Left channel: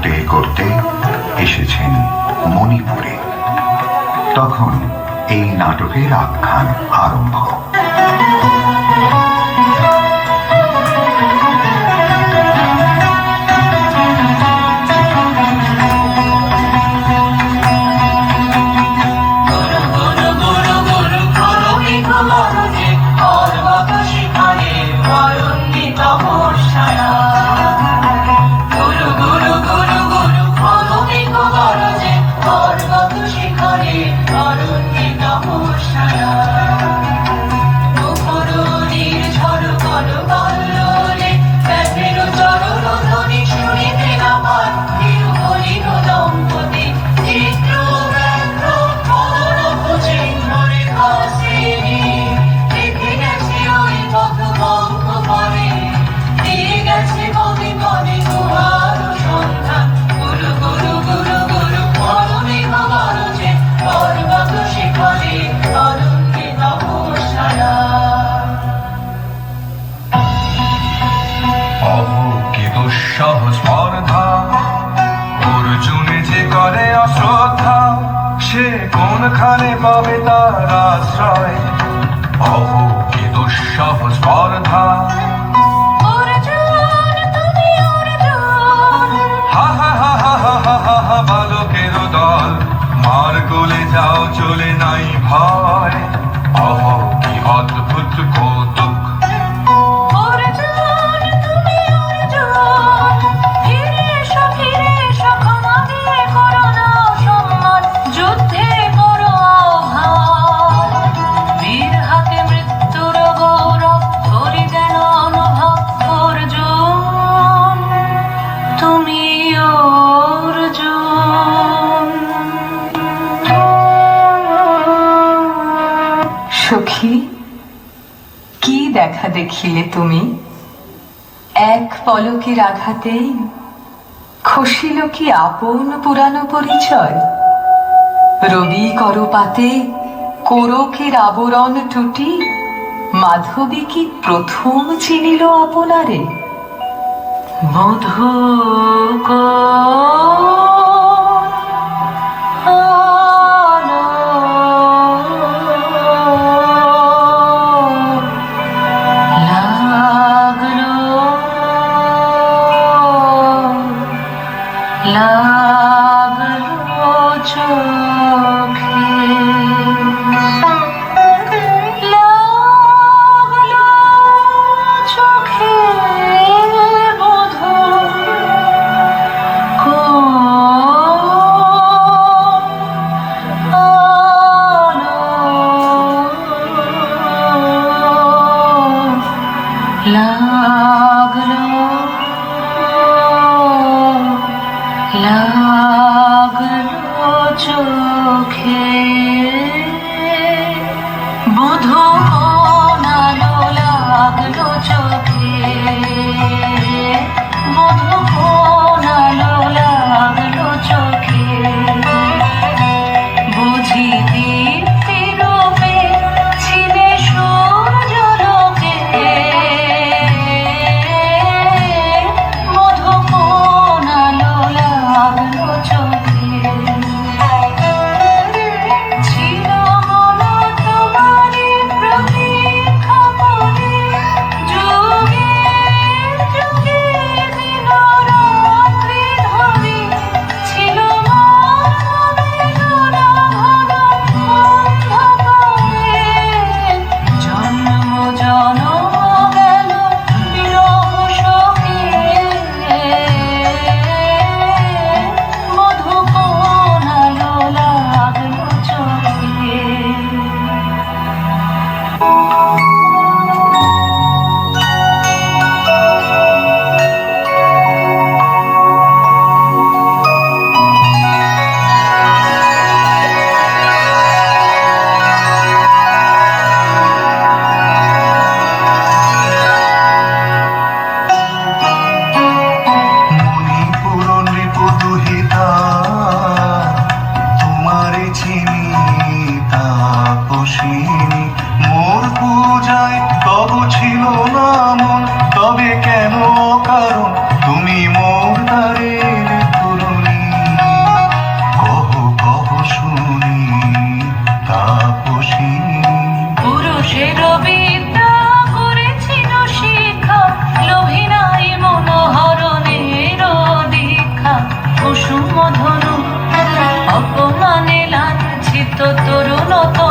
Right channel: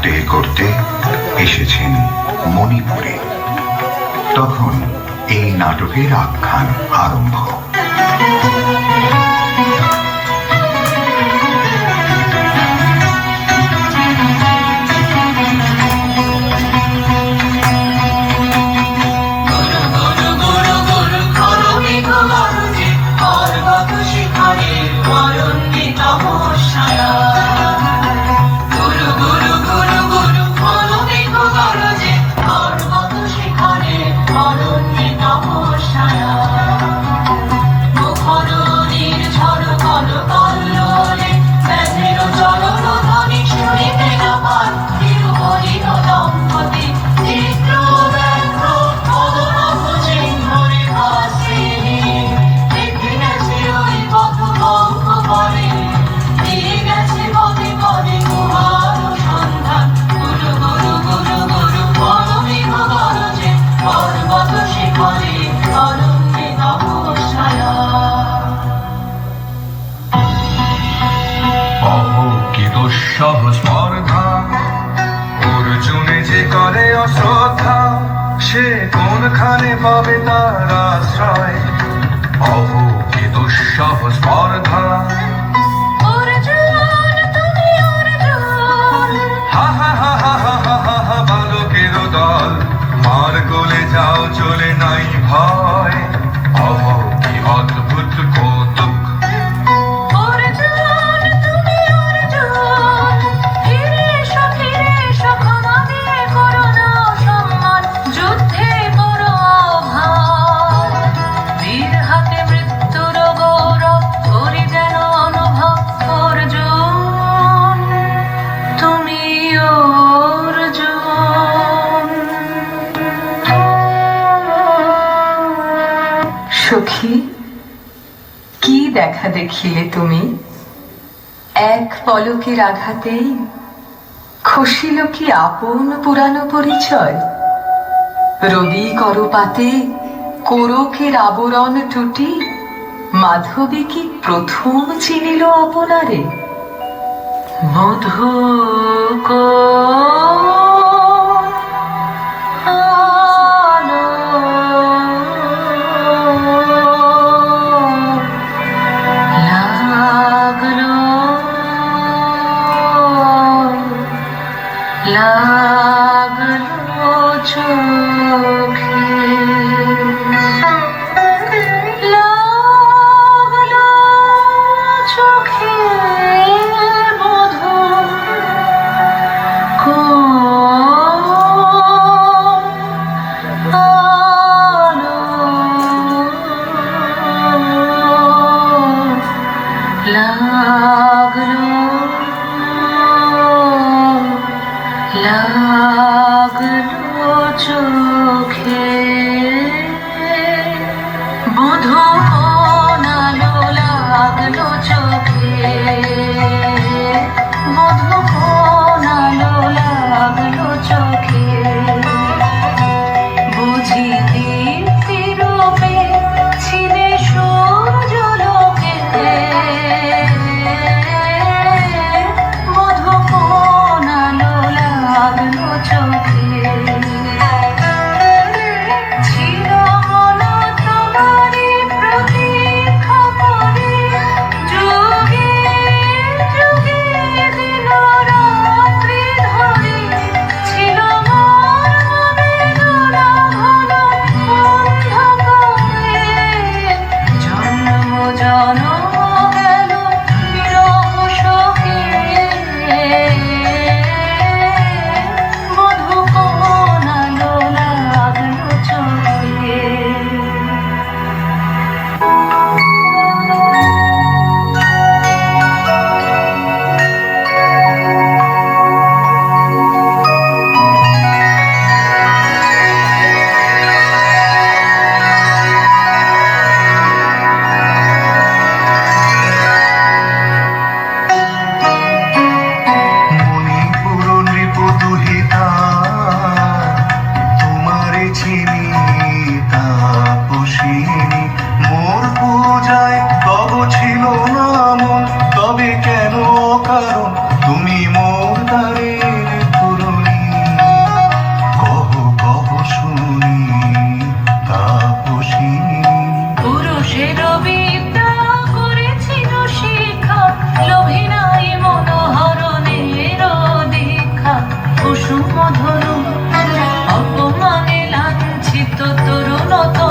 করতে করতে এসেছেন মণিপুরে। তখন এই নাটকের আখ্যান আরম্ভ। সহজ দেখিলে তুমি। এক পলকের আঘাতেই খসিল কি আপন পুরানো পরিচয়? রবি করপাতে কোরকের আবরণ টুটি, মাধবী কি প্রথম চিনিল আপনারে? মধু লাগল মোহনা লাগল চোখে। অপমানে লাঞ্ছিত তরুণতা।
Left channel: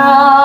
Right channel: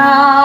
now.